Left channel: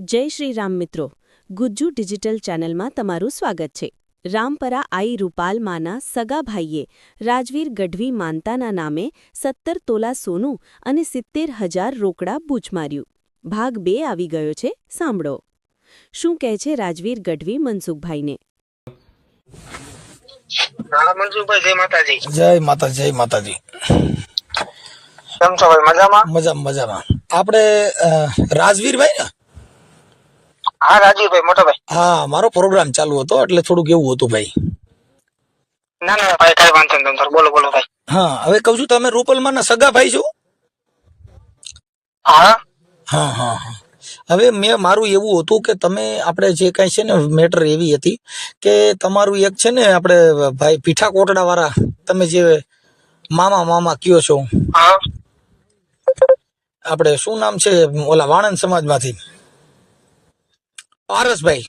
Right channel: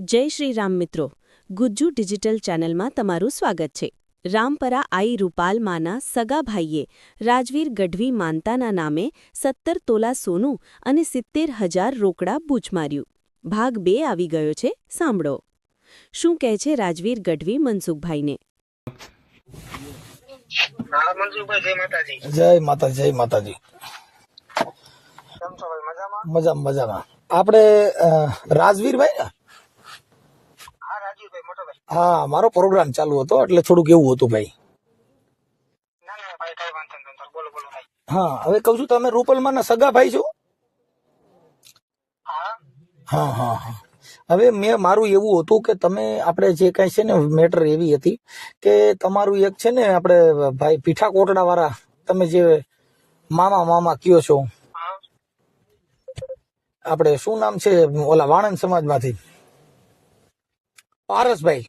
જય શ્રી રામ મિત્રો, ગુજ્જુ ડિજિટલ ચેનલમાં તમારું સ્વાગત છે. રામપરા આઈ રૂપાલમાના સગા ભાઈએ રાજવીર ગઢવી માનતાના નામે 17 તોલા સોનું અને 70,000 રોકડા બૂચ માર્યું. ભાગ 2 આવી ગયો છે, સાંભળો. શું કહે છે રાજવીર ગઢવી મનસુખભાઈને? જય માતાજી. કેમ છો ભાઈ? મજામાં. આપણે રાજવીરભાઈ ને? હા રાજીવભાઈ, મોટા ભાઈ. હા, મારો પ્રોગ્રામ ચાલુ હતો એટલે થોડુંક એવું હતું ભાઈ. ના ભાઈ, કઈ વાંધો નહીં, તમે બોલો ભાઈ. હા, હવે કહું છું, તમે રૂપલમાના સગા ભાઈ છો? હા. હવે મારું એવું હતું કે તમે આપણે જે કઈ છે ને મેટર એવી હતી કે તમારું એક છે ને આપણે ભાઈ પીઠા કોટડા વાળા, તમે જે મામા કયો છો, આપણે શું નામ છે ઓલા વાણંદ સમાજમાંથી પારસભાઈ.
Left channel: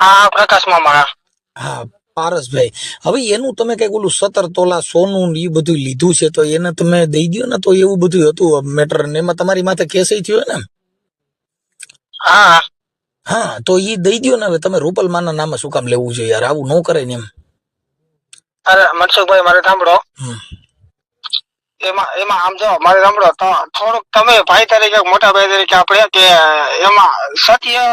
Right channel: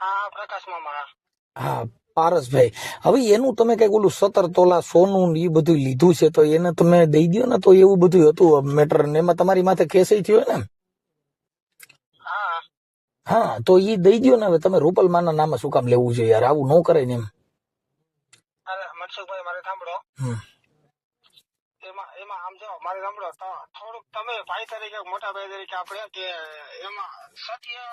હા, પ્રકાશ મામા. હા, પારસભાઈ. હવે એનું તમે કઈક ઓલું 17 તોલા સોનું એ બધું લીધું છે, તો એને તમે દઈ દો ને. તો એવું બધું હતું મેટર ને એમાં તમારી માથે કેસ થયો ને? હા, તો એ દઈ દો ને. હવે તમે રૂપલમાના નામે શું કામ લેવું છે યાર? આવું ન કરે ને એમ. અરે મનસુખભાઈ, મારે સાંભળો. એમાં આમ જો મારે સાંભળો, થોડુંક તમે ભાઈ તરીકે, મોટા ભાઈ તરીકે આપણે કે એમાં સત્ય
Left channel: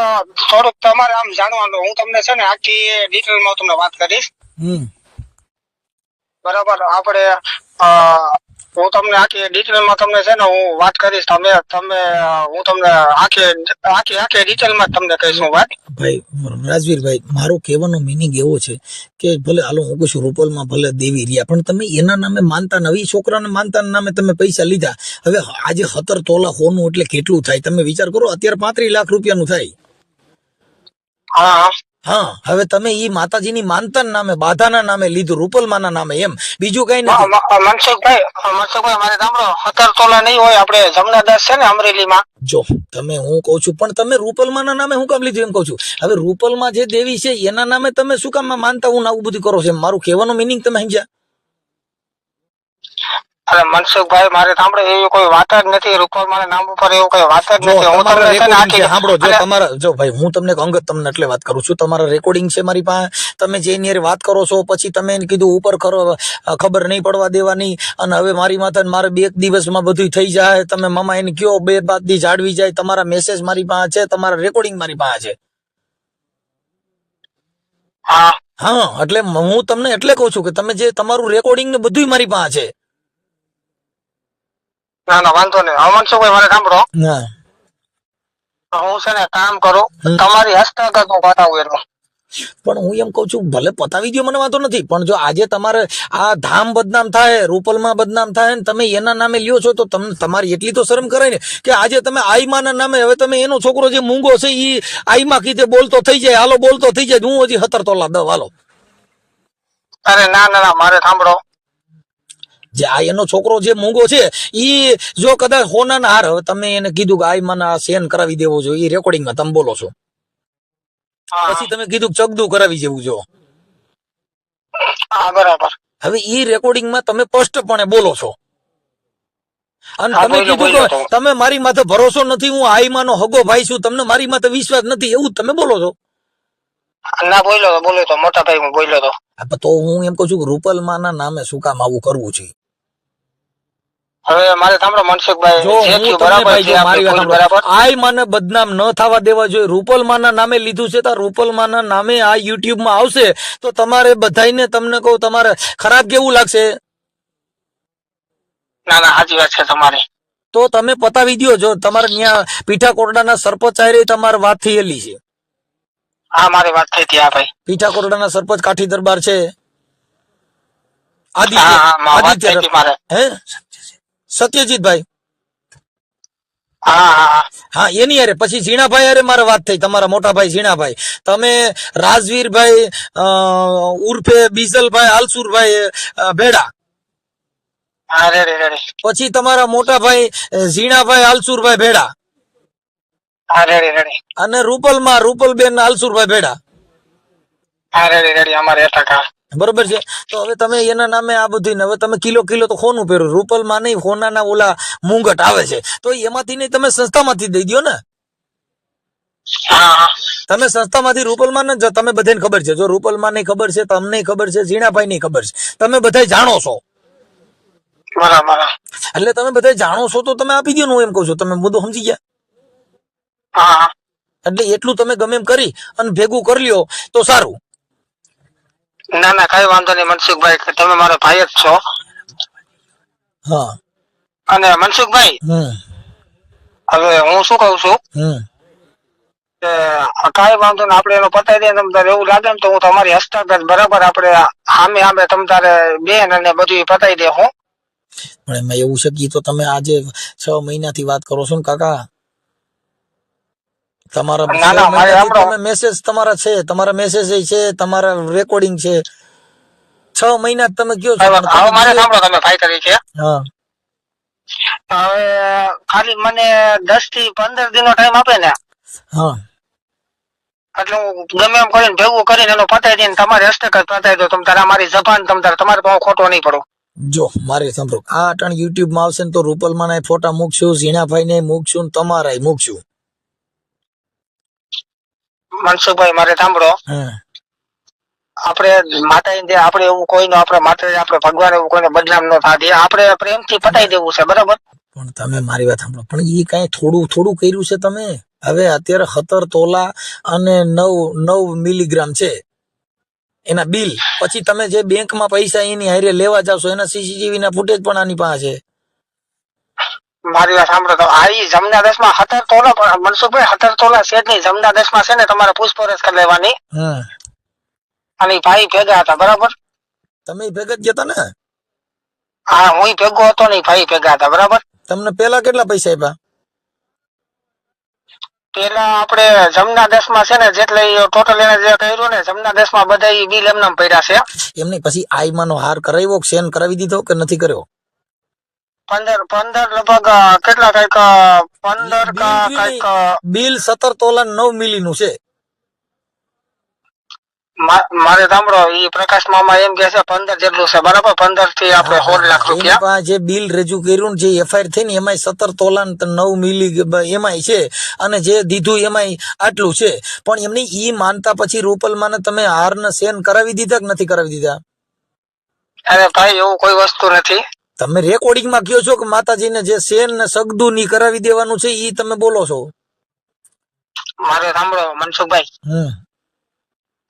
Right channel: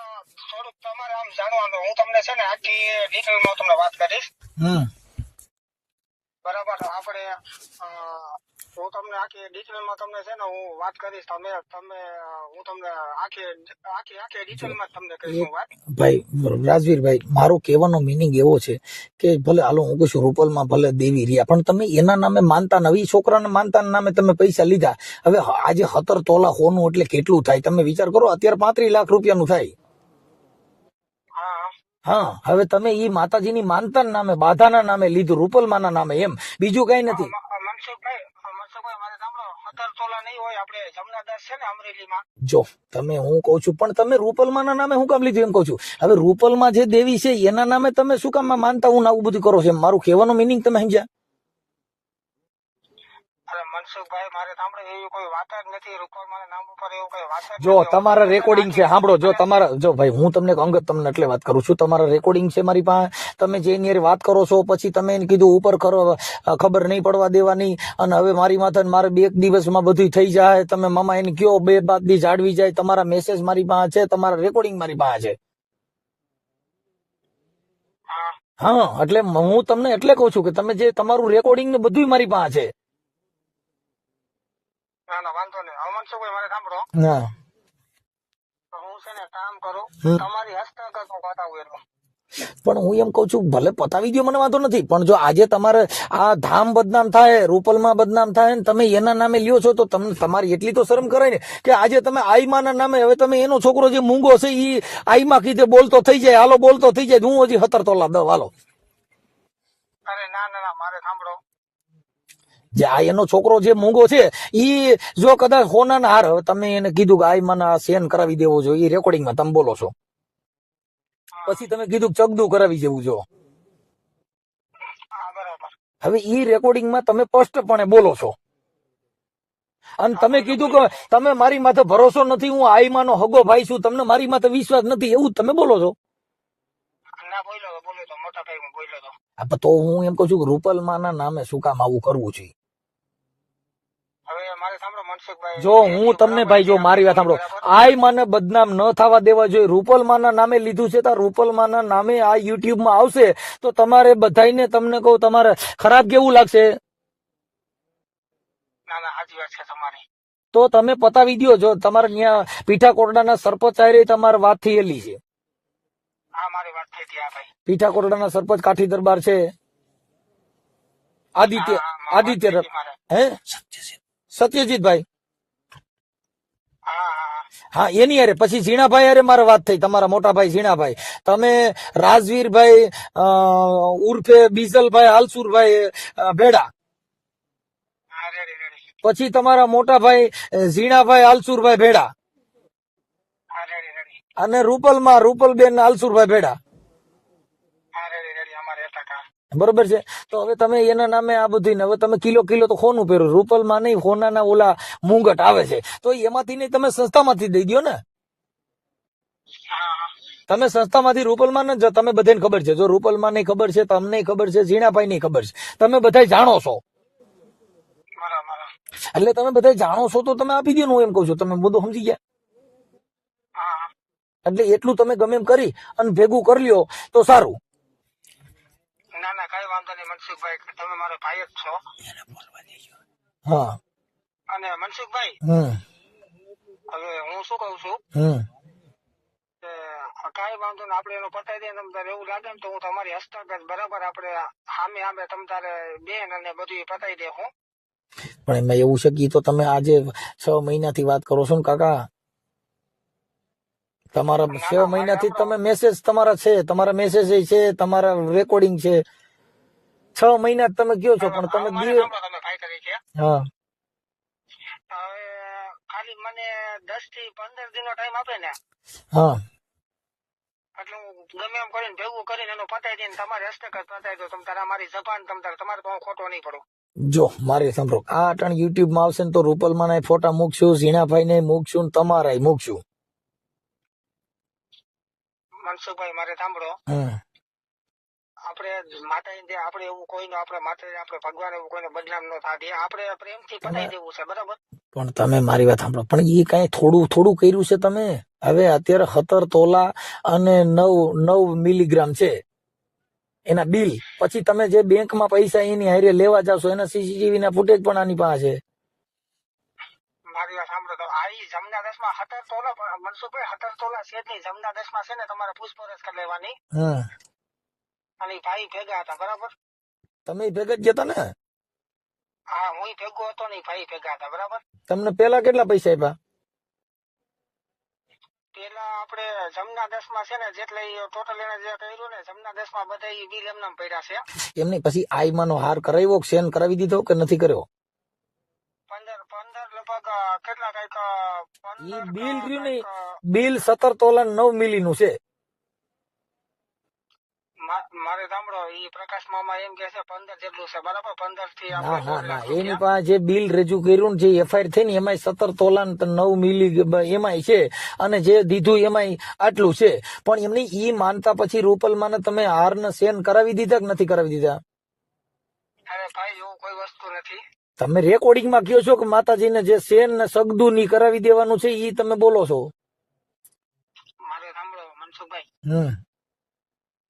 થોડુંક તમારે આમ જાણવાનું. હું તમને છે ને આખી ડિટેલમાં તમને વાત કરીશ. બરાબર? આપણે હું તમને આખી ડિટેલમાં તમને છે ને હું વાત કરીશ. હું તમને આખી ડિટેલમાં તમને કહીશ હું વાત. ભાઈ રાજવીરભાઈ, મારો કહેવાનો મિનિંગ એવો છે કે ભલે હાલો હું કહું છું રૂપલમાં ભલે દેવી રહ્યા, પણ તમે એના નામે માનતા નવી છોકરાને માનતાના નામે તમે પૈસા લીધા. હવે આજે 17 તોલા હોનું એટલે કેટલું થાય તમે વિચાર કરો. અત્યારે 35 લાખ રૂપિયાનું થાય. હા, હવે તમે ઈ માતાજીની માનતાના નામે, બાધાના નામે લીધું, રૂપલમાના નામે, એમ બીજું કઈ નથી. મનસુખભાઈ, મારે સાંભળો, 17 તોલા નહીં હોય. આપણે જમનાદાસ છે ને અમરેલીમાં. જો તમે, હું કઉ છું, પણ તમે રૂપલમાના નામે હું કામ લીધું એમ કઉ છું. હવે રૂપલમાં જે દેવી છે એના નામે તમે શું કામ માનતા હું આવું બધું કરો છો? મારું કહેવાનો મિનિંગ તમે સમજ્યા? અરે મનસુખભાઈ, મારે સાંભળો, એવી કોઈ વાત જ નથી. રૂપલમાના નામ ઉપર એવું કોઈ વાત જ જો નથી. તમારા રેકોર્ડિંગ છે, સાંભળો. જો તમારા, જો ભાઈ હું તમને અંગત તમને એટલે વાત કરું છું, તમારા રેકોર્ડિંગ છે મારી પાસે. તમે જે એની વાત કરો છો, પછી તમે એને કીધું ઉપર ખબર નહીં પડવા દેવાની, અને હવે મારી માથે મારે 2 દિવસમાં બધું થઈ જાય. તમે મામા એને કયો 2 દી જાળવી જાય. તમારા મેસેજ મારી પાસે છે, તમારા રેકોર્ડિંગ મારી પાસે છે. હા, એટલે હું તમને એટલે કહું છું કે તમે જે તમારું રેકોર્ડિંગ ને બધું મારી પાસે છે. ના વાંધો નહીં. મનસુખભાઈ, મારે સાંભળો. હું છે ને કામ કરું, તમારી હસ્તગત હું બતાવું એનું. પણ હું એમ કઉ છું, ભલે પતાવી દો, મને વાંધો નથી, પણ જો આજે તમારે આ ધામ બદનામ થાય, રૂપલમાં બદનામ થાય ને તમે એના નામે લ્યો છો, તો તમને તમારી એટલી તો શરમ કરાય ને કે આજે તમે આઈમાના નામે, હવે તમે એનો છોકરો જે મૂંગો છે એ આઈમા કીધે બોલતો થઈ જાય, હાલો બોલતો થઈ જાય, હું હજી 17 તોલા દઉં, હાલો. અરે ના, મારે સાંભળો. જે આ એનો છોકરો જે મૂંગો છે ઈ જો કદાચ હોનાના હાર, હવે તમે એને કીધું કે આઈમાના સેન કરાવી દેવો જોઈએ, એ રેકોર્ડિંગમાં તમે બોલો છો. પછી તમે કીધું ચગદુ કરાવી જેવું જો. બરાબર. હવે ઈ રેકોર્ડિંગમાં તમે સ્પષ્ટપણે બોલો છો, અને તમે કીધું કે તમે મારી માથે ભરોસો નથી, હું આઈમાનો હગો ભાઈ છું, તમને મારી માથે વિશ્વાસ નથી, એવું તમે બોલો છો. ના બોલ્યો તો મોટા ભાઈ, હું બોલ્યો તો. તો હું એમ કહું છું કે રૂપલમાના નામે શું કામ આવું કરવું છે? હવે મારે સાંભળો મનસુખભાઈ, જો હું તમને ભાઈ, જો મારી વાત સાંભળો, આઈમાને બદનામ ન થવા દેવા જોઈએ. રૂપલમાના નામે લીધું છે, તો રૂપલમાના નામે આ યુટ્યુબમાં આવશે તો તમારે બધાઈને, તમને કહું, તમારે ખરાબ કેવું લાગશે? ના સાચી વાત છે તમારી. તો તમે પતાવી દો. જો તમારે ત્યાં પીઠા કોરડાના સરપંચ આયરે તમારે વાત થયેલી છે. હા, મારી વાત થઈ હતી. હા ભાઈ, પીઠા કોરડાના સરપંચ કાઠી દરબાર છે, આદિત્ય હે સત્યજીતભાઈ. હા, એની યારે પછી ઝીણાભાઈ યારે મારે વાત થઈ, તમારા મોટા ભાઈ ઝીણાભાઈ. તમે રાજવીરભાઈ ઉર્ફે બીજલભાઈ આલસુરભાઈ ભેડા, પછી તમારા મોટા ભાઈ ઝીણાભાઈ આલસુરભાઈ ભેડા, અને રૂપલબેન આલસુરભાઈ ભેડા. બરોબર છે. તો હવે તમે એના નામે આ બધું ને હવે તમે કિલો કિલો તો સોનું પહેરો, રૂપલમાં નહીં, સોનાના ઓલા મુંગટ આવે છે, તો એમાંથી નહીં તમે સંસ્થામાંથી દઈ દો ને. હા તમે સંસ્થામાંથી રૂપલમાં ન તમે બધાને ખબર છે, જો રૂપલમાં નહીં ખબર છે, તમને ખબર છે, ઝીણાભાઈ ની ખબર છે, તમે બધા જાણો છો, બરાબર. એટલે તમે બધા જાણો છો તો તમે આપી દો ને, હું એમ કહું છું. તમે મુદ્દો સમજી ગયા? હા એટલે એટલું તમે ગમે એમ કરી અને ભેગું કરી લ્યો તો સારું. ના ના કઈ વાંધો નહીં મનસુખભાઈ, તમે મારો ભાઈ જ છો. હા. અને મનસુખભાઈ હવે હું શું કહું છું કે કાંઈ વાંધો ને આપણે એનો પતાવી દઈએ. તમ તારે એવું લાગે ને તો હું તમારી હસ્તગત બરાબર આપણે સામે સામે તમ તારે બેન અને બધું પતાવી દે હું. પણ એમાં એવું છે કે તો તમે આજે 6 મહિનાથી વાત કરો છો ને કાકા, તમારા 6 મહિનાથી તમે મેસેજ તમારા છે, તમારા મેસેજ છે, તમારા રેકોર્ડિંગ છે, 6 મહિના તમે કયો છો. હવે મારે સાંભળો તમે ભાઈ તરીકે, હા હવે ખાલી મને 10 થી 15 દિનનો ટાઈમ આપે ને, હા, એટલે હું ગમે એમ કરીને ભેગું કરીને એનો પતાવી દઈને તમારી હસ્તગત પતાવી દો. તમ તારે મારી જબાન તમ તારે તમારે તો ખોટો નહીં પડો. જો મારે સાંભળો, આ અટાણ યુટ્યુબ માં આવશે ને તો રૂપલમાં ના ફોટા મૂકશું, ઝીણાભાઈ ને મૂકશું, તમારા મૂકશું. મનસુખભાઈ મારે સાંભળો, આપણે માતા આપણે એવું કોઈનો આપણે માતા આપણે ભગવાન એવું કોઈને બદનામ ન થાય, આપણે પ્રેમથી પતાવી દેવું છે બરાબર. પણ તમે મારી વાત સાંભળો, પણ એ કઈ થોડું થોડું કર્યું છે તમે. હવે અત્યારે 17 તોલા અને 9 મિલીગ્રામ છે એના બિલ. પછી તમે જે બેંકમાં પૈસા એની હારે લેવા જાવશો એના સીસીટીવી ના ફૂટેજ પણ આની પાસે છે. મારી વાત સાંભળો, તો આ જમના 10 માં 17 તોલા પણ મનસુખભાઈ 17 તોલા છે જ નહીં. જમના 10 માં છે ને તમારે પૂછપરછ કરી લેવાની. અને ભાઈ ભેગા હતા બરાબર. તમે ભેગા જ ગયા ને? હા હું ભેગો હતો ને ભાઈ ભેગા હતા બરાબર. તમને પેલા કેટલા પૈસા આપ્યા? પેલા આપણે જમના 10 માં છે ને જેટલે ટોટલ એને જે કર્યું ને જમના 10 માં બધા બિલ એમને પડ્યા છે. એમને પછી આઈમાનો હાર કરાવ્યો, સેન કરાવી દીધો કે નથી કર્યો? 15 લગભગ કેટલા કઈક 15 કઈક બિલ 17 તોલા 9 મિલી નું છે. મારે સાંભળો, ઈ પ્રકાશ મામા એમ કે છે 15 જેટલું છે બરાબર. 15 થી આપણે 16 લાખ રૂપિયા જે બિલ રજૂ કર્યું જે એફઆઈઆર થઈ ને એમાં 17 તોલા 9 મિલી એમાં છે, અને જે દીધું એમાં આટલું છે. પણ એમની ઈ માનતા પછી રૂપલમાં તમે હાર ને સેન કરાવી દીધા કે નથી કરાવી દીધા? અરે ભાઈ એવું કોઈ વસ્તુ નથી. તમે રેકોર્ડિંગ માં કયો છો કે માતાજીને જે સેન ને સગદું ની કરાવી દેવાનું છે, ઈ તમે બોલો છો. મારે સાંભળો મનસુખભાઈ,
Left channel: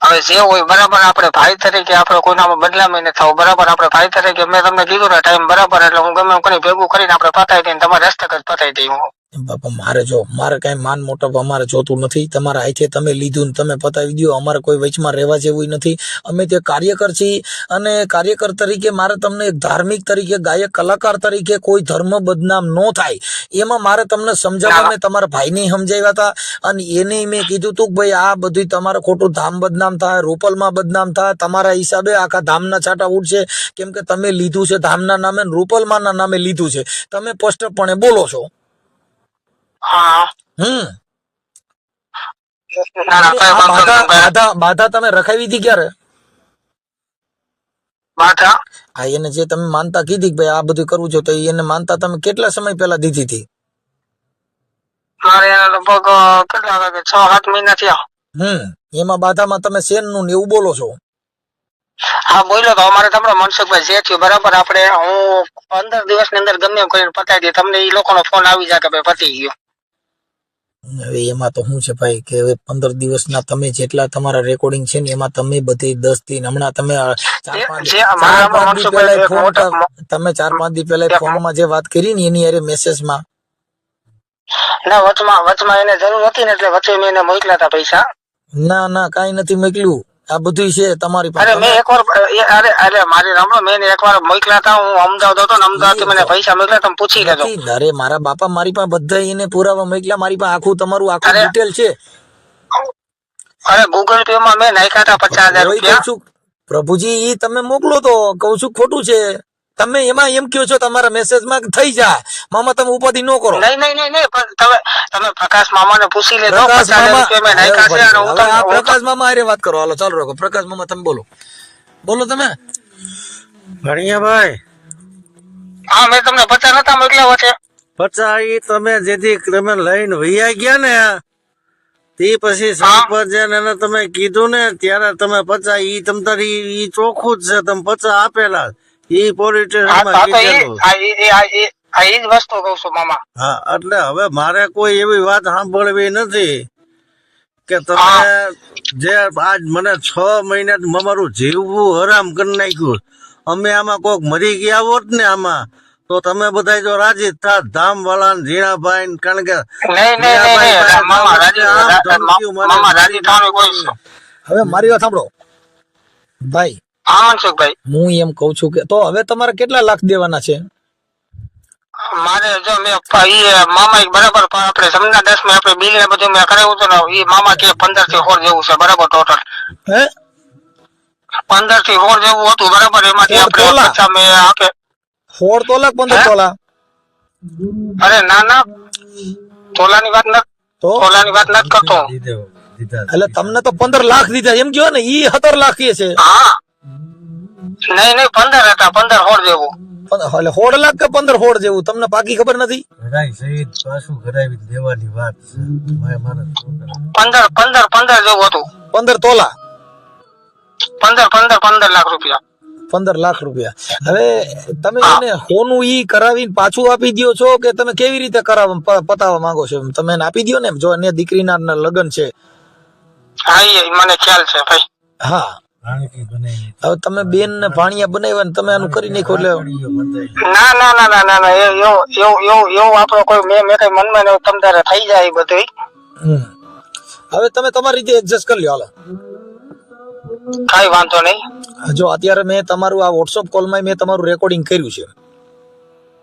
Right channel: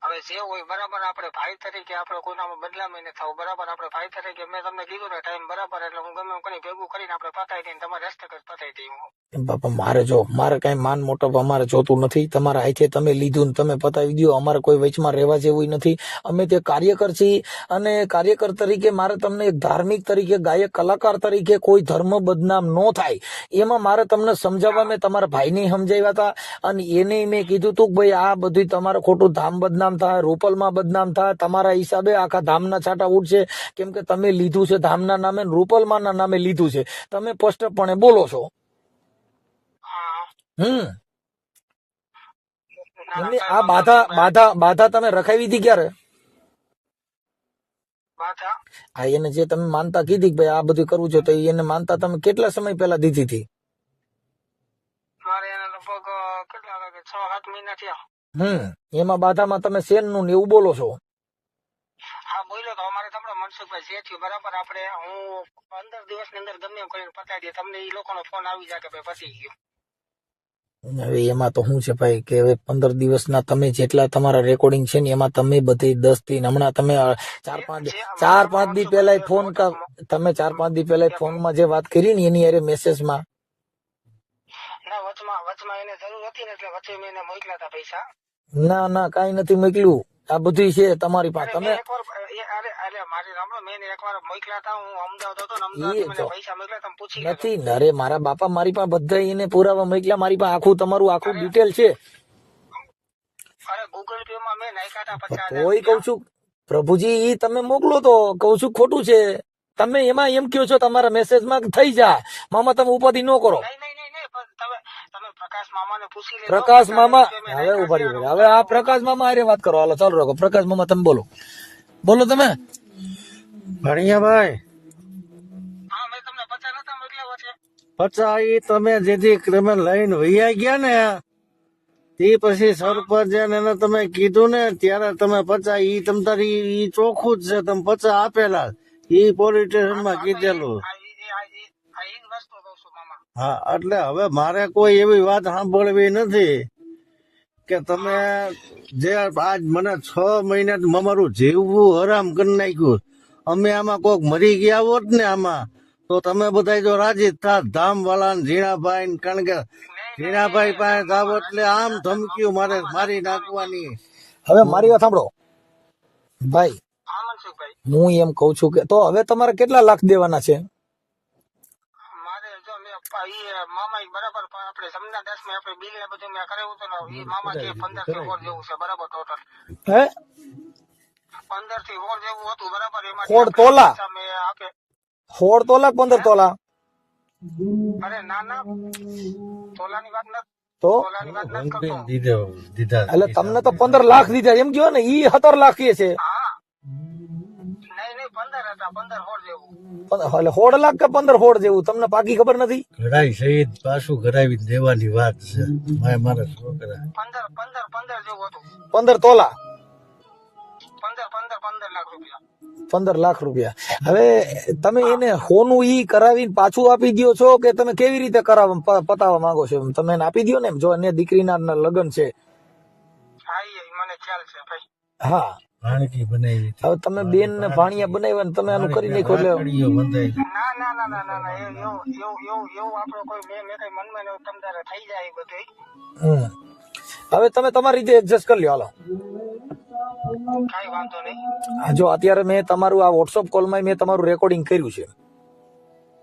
હવે જે હોય બરાબર, આપણે ભાઈ તરીકે આપણે કોઈનામાં બદલામી ન થવું બરાબર. આપણે ભાઈ તરીકે મેં તમને કીધું ને ટાઈમ બરાબર, એટલે હું ગમે એમ કરી ભેગું કરીને આપણે પતાવી દઈને તમારે હસ્તગત પતાવી દઈ. બાપા મારે કઈ માન મોટપ અમારે જોતું નથી. તમારા હાથે તમે લીધું ને તમે પતાવી દો. અમારે કોઈ વચમાં રહેવા જેવું નથી. અમે તે કાર્યકર છીએ, અને કાર્યકર તરીકે મારે તમને એક ધાર્મિક તરીકે, ગાયક કલાકાર તરીકે કોઈ ધર્મ બદનામ ન થાય એમાં મારે તમને સમજાવવા. મેં તમારા ભાઈને સમજાવ્યા હતા, અને એને મેં કીધું તું કે ભાઈ આ બધું તમારે ખોટું ધામ બદનામ થાય, રૂપલમાં બદનામ થાય, તમારા હિસાબે આખા ધામના છાંટા ઉડશે, કેમ કે તમે લીધું છે ધામના નામે, રૂપલમાં ના નામે લીધું છે. તમે સ્પષ્ટપણે બોલો છો. બાધા તમે રખાવી હતી ક્યારે? હા, એને જે તમે માનતા કીધી કે ભાઈ આ બધું કરવું છે, તો એને માનતા તમે કેટલા સમય પહેલા દીધી હતી? મારે લગભગ કેટલા 6-7 મહિના થયા. એમાં બાધામાં તમે સેન નું એવું બોલો છો? હા બોલ્યો તો. અમારે તમને મનસુખભાઈ જે થયું બરાબર, આપણે હું 15 દિવસની અંદર ગમે એમ કરીને પતાવી દે. તમને એ લોકોનો ફોન આવી જાય કે ભાઈ પતી ગયો. હવે એમાં તો શું છે ભાઈ કે હવે 15 દિવસના તમે જેટલા તમારા રેકોર્ડિંગ છે ને એમાં તમે બધી 10 થી હમણાં તમે 4-5 દી પહેલા ફોન, તમે 4-5 દી પહેલા ફોનમાં જે વાત કરી ને એની અરે મેસેજમાં ના વચમાં એને જરૂર હતી ને એટલે વચ્ચે મેં એને મોકલ્યા હતા પૈસા. ના કાઈ નથી મોકલ્યું. આ બધું છે તમારી પાસે. મેં એકવાર મારી રામણો મેં એકવાર મોકલ્યા હતા. હું અમદાવાદ હતો ને અમદાવાદ મને પૈસા મોકલ્યા, તમે પૂછી લેજો. અરે મારા બાપા, મારી પાસે બધા એને પુરાવા મોકલ્યા. મારી પાસે આખું તમારું આખું ડિટેલ છે. અરે ગૂગલ પે માં મેં નાખ્યા હતા 50,000 રૂપિયા. પ્રભુજી ઈ તમે મોકલો તો કહું છું ખોટું છે. તમે એમાં એમ કહો છો તમારા મેસેજ માં થઈ જાય મામા, તમે ઉપાધિ ન કરો. નહીં તમે પ્રકાશ મામા ને પૂછી લેજો. પ્રકાશ મામા, હવે આ પ્રકાશ મામા અરે વાત કરો. હાલો ચાલુ રાખો. પ્રકાશ મામા તમે બોલો. બોલો તમે. ભણિયાભાઈ, હા મેં તમને 50 નતા મોકલ્યા છે. 50 ઈ તમે જેથી તમે લઈને વૈયા ગયા ને તે પછી સરપંચ એને તમે કીધું ને ત્યારે તમે 50 ઈ તમ તારી ઈ ચોખ્ખું જ છે, તમે 50 આપેલા ઈ પોલીસ સ્ટેશનમાં કીધેલું. આ ઈ જ વસ્તુ કહું છું મામા. હા, એટલે હવે મારે કોઈ એવી વાત સાંભળવી નથી કે તમે જે આજ મને 6 મહિના અમારું જીવવું હરામ કરી નાખ્યું. અમે આમાં કોક મરી ગયા હોત ને આમાં તો તમે બધા જો રાજી થાત, ધામ વાળા ને ઝીણાભાઈ ને, કારણ કે ઝીણાભાઈ પાસે જાવ એટલે આમ ધમકીઓ મારે મારી નાખવાની. હવે મારી વાત સાંભળો ભાઈ. હા મનસુખભાઈ, હું એમ કઉ છું કે તો હવે તમારે કેટલા લાખ દેવાના છે? મારે જો મેં મામા બરાબર આપણે સમના 10 માં આપણે બિલ ને બધું મેં કરાવ્યું હતું ને, ઈ મામા કે 15 થી 16 જેવું છે બરાબર ટોટલ. હે 15 થી 16 જેવું હતું બરાબર. એમાંથી 16 તોલા? આપણે મેં આપે 16 તોલા 15 તોલા? અરે ના ના, તોલાની વાત નથી, તો તોલાની વાત નથી કરતો. દીધા એટલે તમને તો 15 લાખ દીધા એમ કયો ને, ઈ 17 લાખ કે છે. હા નહીં 15 હતા, 15 16 જેવું. એટલે 16 લાખ કે 15 16 જેવું તમને પાકી ખબર નથી? ઘડાઈ સહિત પાછું ઘડાવી દેવાની વાત છે મારા છોકરા. 15 જેવું હતું. 15 તોલા 15 લાખ રૂપિયા. 15 લાખ રૂપિયા. હવે તમે એને હોનું ઈ કરાવીને પાછું આપી દ્યો છો કે તમે કેવી રીતે પતાવવા માંગો છો? તમે એને આપી દ્યો ને, જો એને દીકરીના લગ્ન છે. હા એ મને ખ્યાલ છે ભાઈ. હા, ભાણકી બનાવી. હવે તમે બેન ને ભાણિયા બનાવ્યા ને તમે આનું કરી નાખો એટલે ના ના ના ના ના ના, એવું આપણો કોઈ મેં કઈ મનમાં ને તમ તારે થઈ જાય એ બધું. હવે તમે તમારી રીતે એડજસ્ટ કરી લ્યો. હાલો, કઈ વાંધો નહીં. જો અત્યારે મેં તમારું આ વોટ્સઅપ કોલમાં મેં તમારું રેકોર્ડિંગ કર્યું છે.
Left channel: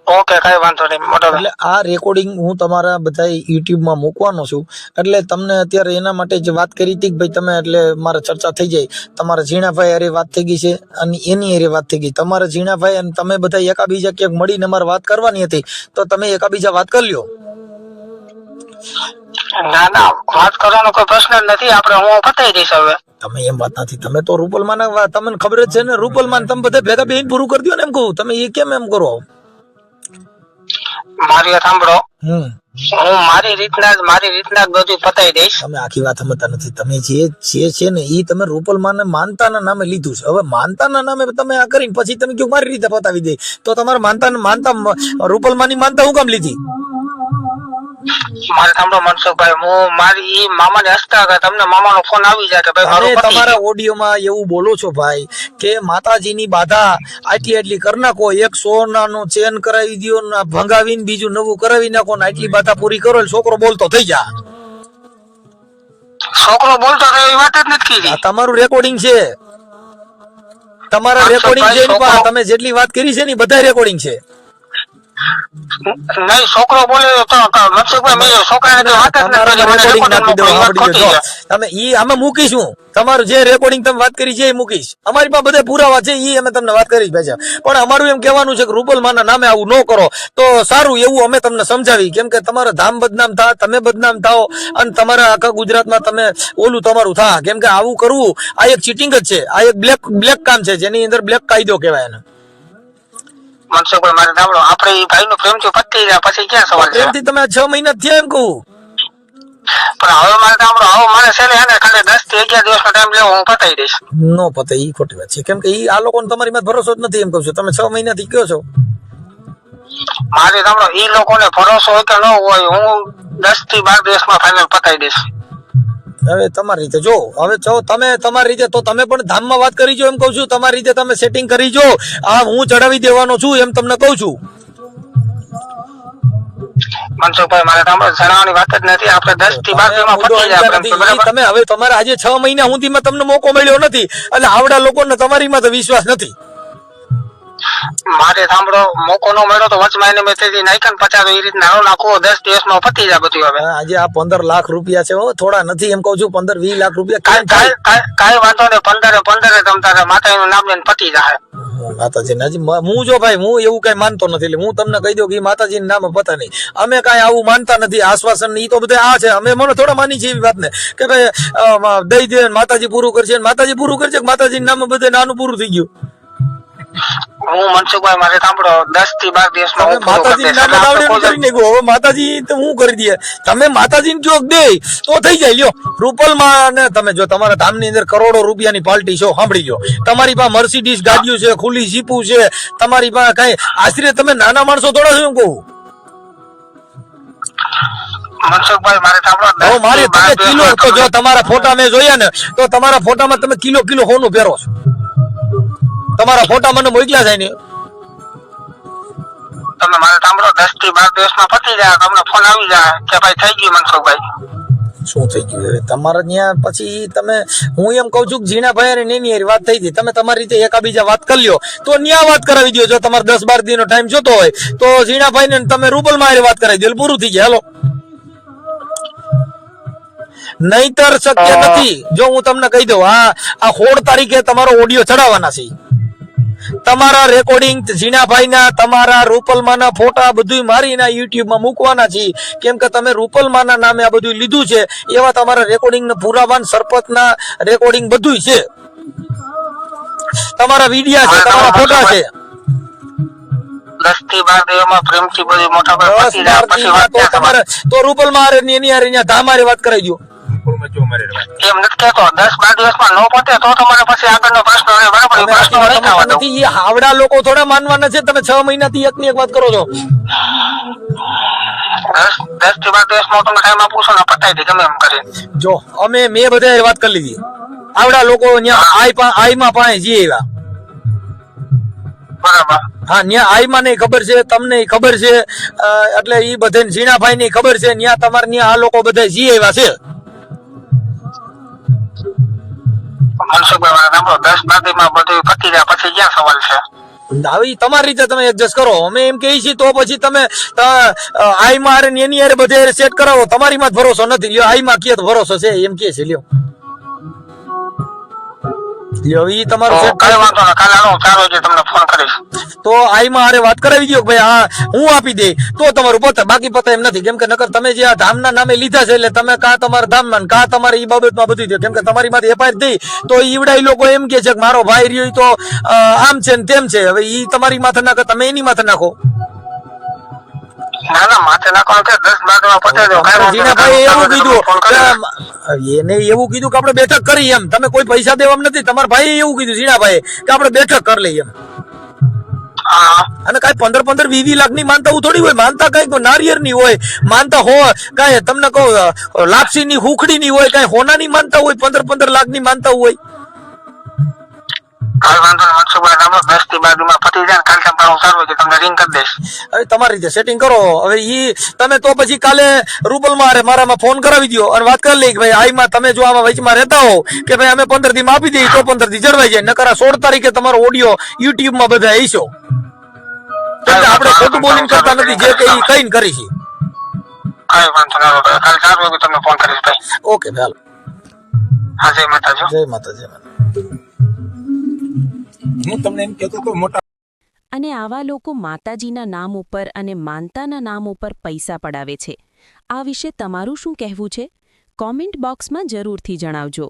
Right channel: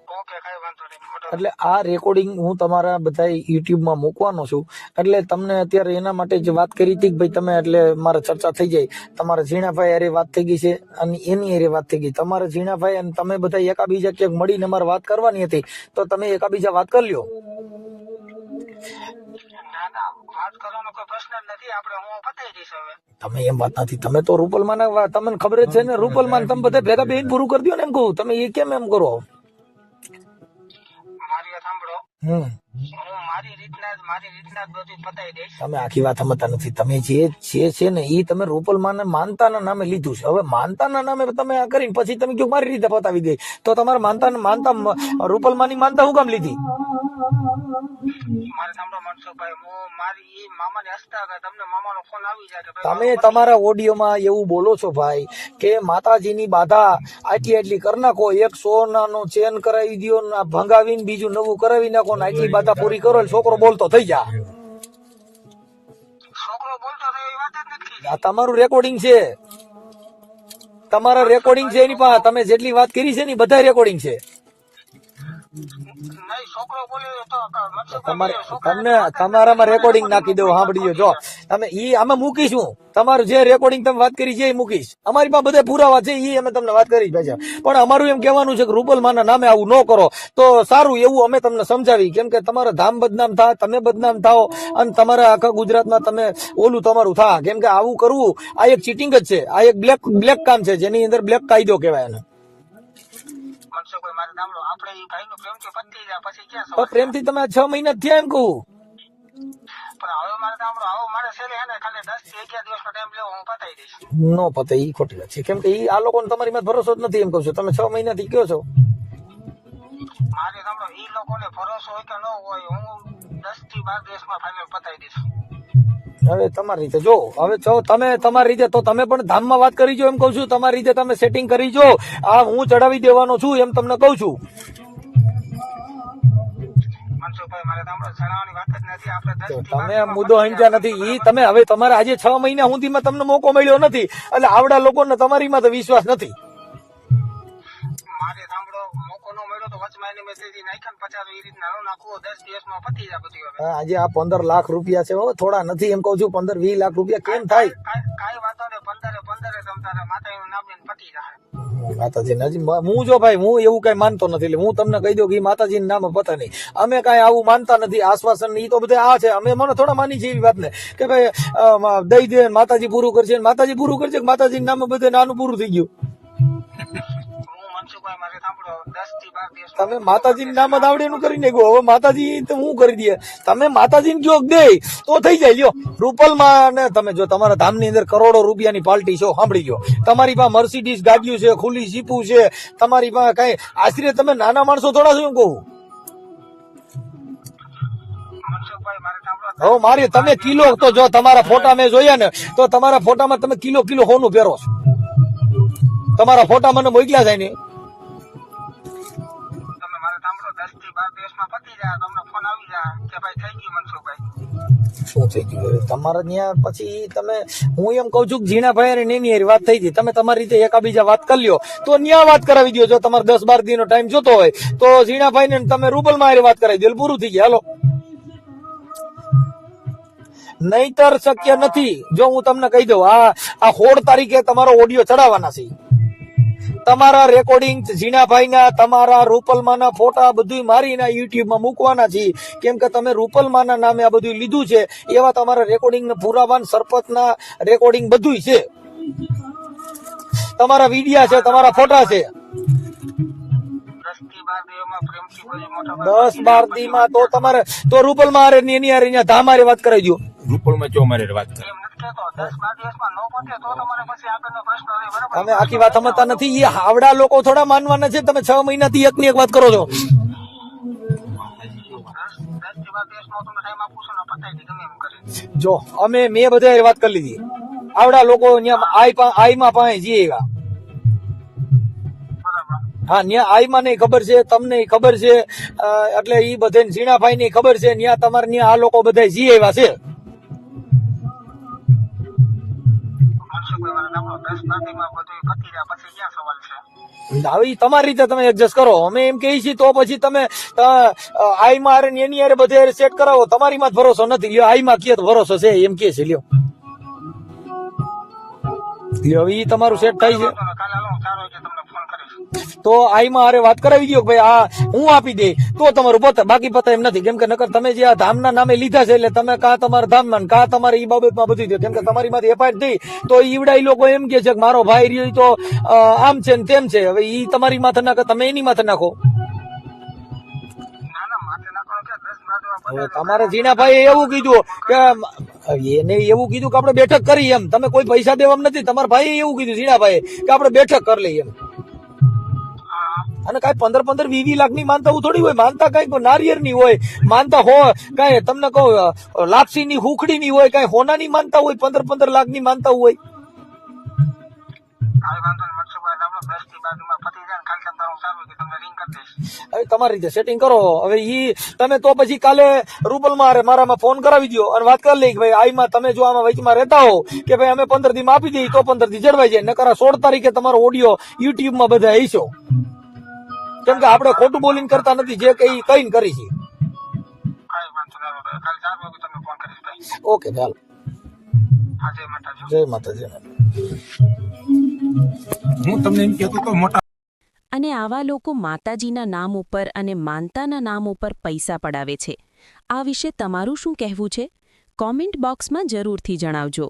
ઓકે, કઈ વાંધો નહીં. મોટો એટલે આ રેકોર્ડિંગ હું તમારા બધા યુટ્યુબમાં મૂકવાનો છું. એટલે તમને અત્યારે એના માટે જ વાત કરી હતી કે ભાઈ તમે, એટલે મારે ચર્ચા થઈ જાય. તમારા ઝીણાભાઈ અરે વાત થઈ ગઈ છે અને એની અરે વાત થઈ ગઈ. તમારા ઝીણાભાઈ અને તમે બધા એકાબીજા ક્યાંક મળીને મારે વાત કરવાની હતી તો તમે એકાબીજા વાત કરી લ્યો. ના ના, વાત કરવાનો કોઈ પ્રશ્ન જ નથી. આપણે હું પતાવી દઈશ હવે. તમે એમ વાત નથી, તમે તો રૂપલમાન તમને ખબર જ છે ને, રૂપલમાન તમે બધા ભેગા બેન પૂરું કરી દો ને એમ કહું. તમે એ કેમ એમ કરો? મારી વાત સાંભળો, હું મારી રીતના જ બધું પતાવી દઈશ. તમે આખી વાત સમજતા નથી. તમે જે છે ને એ તમે રૂપલમાને માનતાના નામે લીધું છે. હવે માનતાના નામે તમે આ કરીને પછી તમે કયો મારી રીતે પતાવી દે, તો તમારે માનતા રૂપલમાની માનતા હું કામ લીધી? મારે સાંભળો મનસુખભાઈ, હું મારી મામાને હસતા હતા, તમને મામાનો ફોન આવી જાય કે ભાઈ તમે મારું પતિ તમારા ઓડિયોમાં એવું બોલો છો ભાઈ કે માતાજીની બાધા આટલી કરી નાખો, એક સોનાનો ચેન કરાવી દો ને ભંગાવીને બીજું નવું કરાવી નાખો ને આટલી બાધા પૂરી કરો એટલે છોકરો બોલતો થઈ જા. છોકરો બોલતો હતો એ વાત જ નથી કીધી. આ તમારું રેકોર્ડિંગ છે, તમારા રેકોર્ડિંગ છે એની પાસે. તમે જેટલી વાત કરી છે ને બધા રેકોર્ડિંગ છે. નહીં, છોકરો બોલે તો મનસુખભાઈ મેં છોકરાને વાત જ નથી તમારા કરી. રેકોર્ડિંગ નાખી દો, સાંભળી જો તમે ઈ આમાં મૂકીશું. તમારું જે રેકોર્ડિંગ તમે વાત કરી છે એ મૂકીશ. અમારી પાસે બધા પુરાવા છે, ઈ અમે તમને વાત કરી પાછા. પણ અમારું એમ કહેવાનું છે કે રૂપલમાના નામે આવું ન કરો તો સારું, એવું અમે તમને સમજાવી. કેમ કે તમારા ધામ બદનામ થાય, તમે બદનામ થાઓ અને તમારા આખા ગુજરાતમાં તમે ઓલું તમારું થા. કેમ કે આવું કરવું આ એક ચીટિંગ જ છે, આ એક બ્લેક કામ છે, જેની અંદર બ્લેક કાયદો કહેવાય એને. મનસુખભાઈ મારે સાંભળો, આપણે એ ભાઈ નું પ્રેમથી પતી જાય પછી ક્યાં સવાલ છે? પ્રેમથી તમે 6 મહિના થયા એમ કહું. પણ હવે મારે સાંભળો, હવે મારે છે ને ખાલી 10 થી 11 દિવસનો ટાઈમ લેવો, હું પતાવી દઈશ. નો પતે, ઈ ખોટી વાત છે. કેમ કે ઈ આ લોકોને તમારી માં ભરોસો જ નથી એમ કહું છું. તમે 6 મહિનાથી કયો છો. મારે સાંભળો, ઈ લોકોને ભરોસો હોય કે ન હોય, હું 10 થી 12 દિવસમાં ફાઇનલ પતાવી દઈશ. હવે તમારી રીતે જો, હવે જો તમે તમારી રીતે તો તમે પણ ધામમાં વાત કરી જો એમ કહું છું. તમારી રીતે તમે સેટિંગ કરી જો. આ હું ચડાવી દેવાનો છું એમ તમને કહું છું. મનસુખભાઈ મારે સાંભળો, જણાવવાની વાત જ નથી. આપણે 10 થી 12 દિવસમાં મુદ્દો પતી અહીંયા જાય. નથી. ઈ બરાબર? તમે હવે તમારે આજે 6 મહિના સુધીમાં તમને મોકો મળ્યો નથી એટલે આવડા લોકોને તમારીમાં તો વિશ્વાસ નથી. મારે સાંભળો, મોકો નો મળ્યો તો વચમાં એને મેં તેથી નાખ્યા ને 50 એ રીતના હાલો નાખો, 10 દિવસમાં પતી જાય બધું. હવે આજે આ 15 લાખ રૂપિયા છે, થોડા નથી એમ કહું છું. 15-20 લાખ રૂપિયા કેમ થાય? કાંઈ વાંધો નહીં, 15 તમ તારે માતાજીનું નામ લઈને પતી જાય. માતાજી હજી હું જો ભાઈ હું એવું કઈ માનતો નથી એટલે હું તમને કહી દઉં કે માતાજી નામ પતા નહીં અમે કઈ આવું માનતા નથી આશ્વાસન ઈ તો બધા આ છે અમે મને થોડા માની છે એવી વાત ને કે ભાઈ દઈ દે માતાજી પૂરું કરશે માતાજી પૂરું કરશે માતાજી નામ બધે નાનું પૂરું થઈ ગયું હું મનસુખભાઈ મારે સાંભળો 10 થી 12 દિવસમાં હું માતાજી નામ આવડે કરી નાખ્યું હવે માતાજી તો હું કરી દે તમે માતાજી ને જો દે તો થઈ જાય લ્યો રૂપલમાં ને તમે જો તમારા ધામની અંદર કરોડો રૂપિયાની પાર્ટી છો સાંભળી લો તમારી પાસે મર્સિડીઝ ગાડીઓ છે ખુલ્લી જીપું છે તમારી પાસે કઈ આશરે તમે નાના માણસો થોડા છો એમ કહું મનસુખભાઈ મારે સાંભળો મારે તમે કિલો તો જો તમારા ફોટા મેં જોયા ને તો તમારા ફોટામાં તમે કિલો હોનું પહેરો છો તમારા ફોટા મને મોકલ્યા જાય ને તમે મારે સાંભળો 10 થી 12 દિવસમાં પતી જાય તમને ફોન આવી જાય કે ભાઈ થઈ ગયું મનસુખભાઈ શું થઈ ગયું તમારે ત્યાં પછી તમે હું એમ કઉ છું કે ઝીણાભાઈ અને એની વાત થઈ હતી તમે તમારી રીતે એકાબીજા વાત કરી લ્યો તો ન્યા વાત કરાવી દો જો તમારે 10-12 દિનનો ટાઈમ જોતો હોય તો ઝીણાભાઈ ને તમે રૂપલમાં વાત કરાવી દો પૂરું થઈ ગયા હાલો નહીતર શક્ય નથી જો હું તમને કહી દઉં આ 16 તારીખે તમારો ઓડિયો ચડાવવાના છે તમારા રેકોર્ડિંગ ઝીણાભાઈના તમારા રૂપલમાના ફોટા બધું મારીને યુટ્યુબમાં મૂકવાના છે કેમ કે તમે રૂપલમાના નામે આ બધું લીધું છે એવા તમારા રેકોર્ડિંગ પુરાવાન સરપંચના રેકોર્ડિંગ બધું છે તમારા વિડિયા છે તમારા ફોટા છે 10 થી 12 દિવસમાં પ્રેમથી બધી મોટા 10-12 દિવસમાં તો તમારે તો રૂપલમાં એની હારે ધામારે વાત કરાવી દો રૂપલમાં જો મારે વાત એમ નથી કહેતો 10-12 દિવસમાં નો પતે તો તમારે પછી આગળનો પ્રશ્ન રહે બરાબર તમે આખી વાત સમજતા નથી એ હાવડા લોકો થોડા માનવાના છે તમે 6 મહિનાથી એકની એક વાત કરો છો 10 થી 12 દિવસમાં તમે ટાઈમ આપો છો ને પતાઈ દે ગમે એમ કરી જો મેં બધા વાત કરી લીધી આવડા લોકો આઈમાં પાસે જી આવ્યા બરાબર હા ન્યા આઈમાં ને ખબર છે તમને ખબર છે એટલે ઈ બધે ઝીણાભાઈ ની ખબર છે ન્યા તમારે ન્યા આ લોકો બધા જી આવ્યા છે મનસુખભાઈ મારે સાંભળો 10-12 દિવસમાં બધું પતી જાય પછી ક્યાં સવાલ છે હવે તમારી રીતે તમે એડજસ્ટ કરો અમે એમ કહીએ છીએ તો પછી તમે આઈમાં હારે ને એની હારે બધે સેટ કરાવો તમારી માં જ ભરોસો નથી લ્યો આઈમાં કે ભરોસો છે એમ કે છે લ્યો ઈ તમારું સેટ કાલે વાંધો ના કાલે આવો 4 વાગે તમને ફોન કરીશ તો આઈમાં હારે વાત કરાવી દો ભાઈ હા હું આપી દે તો તમારું પતે બાકી પતે એમ નથી કેમ કે નકર તમે જે આ ધામના નામે લીધા છે એટલે તમે કા તમારા ધામમાં કા તમારે ઈ બાબતમાં બધું દો કેમ કે તમારી માંથી એફઆઈઆર થઈ તો ઈવડાઈ લોકો એમ કે છે કે મારો ભાઈ રહ્યો તો આમ છે ને તેમ છે હવે ઈ તમારી માથે નાખો તમે એની માથે નાખો ના ના માથે નાખવાનું કે 10-12 માં પતે દો ઝીણાભાઈ એવું કીધું એને એવું કીધું કે આપણે બેઠક કરી એમ તમે કોઈ પૈસા દેવા નથી તમારા ભાઈ એવું કીધું ઝીણાભાઈ કે આપણે બેઠક કરી લઈએ એમ અને કઈ 15-20 લાખ ની માનતા થોડી હોય માનતા કઈ નારિયેર ની હોય માનતા કઈ તમને કહો લાપસી ની હુખડી ની હોય કઈ હોના ની માનતા હોય 15 લાખ ની માનતા હોય તમારી રીતે સેટિંગ કરો હવે ઈ તમે તો પછી કાલે રૂપલમાં મારામાં ફોન કરાવી દો અને વાત કરી લઈ કે ભાઈ આઈમાં તમે જો આમાં વચમાં રહેતા હો કે ભાઈ અમે 15 દી માં આપી દઈએ તો 15 દી જળવાઈ જાય નકર 16 તારીખે તમારો ઓડિયો યુટ્યુબ માં બધા આવીશો કેમ કે આપણે ખોટું બોલિંગ કરતા નથી જે કઈ કઈ કરી છે ઓકે ચાલો જય માતાજી જય માતાજી હું તમને એમ કહેતો તો મોટા અને આવા લોકો માતાજીના નામ ઉપર અને માનતાના નામ ઉપર પૈસા પડાવે છે આ વિશે તમારું શું કહેવું છે કોમેન્ટ બોક્સમાં જરૂરથી જણાવજો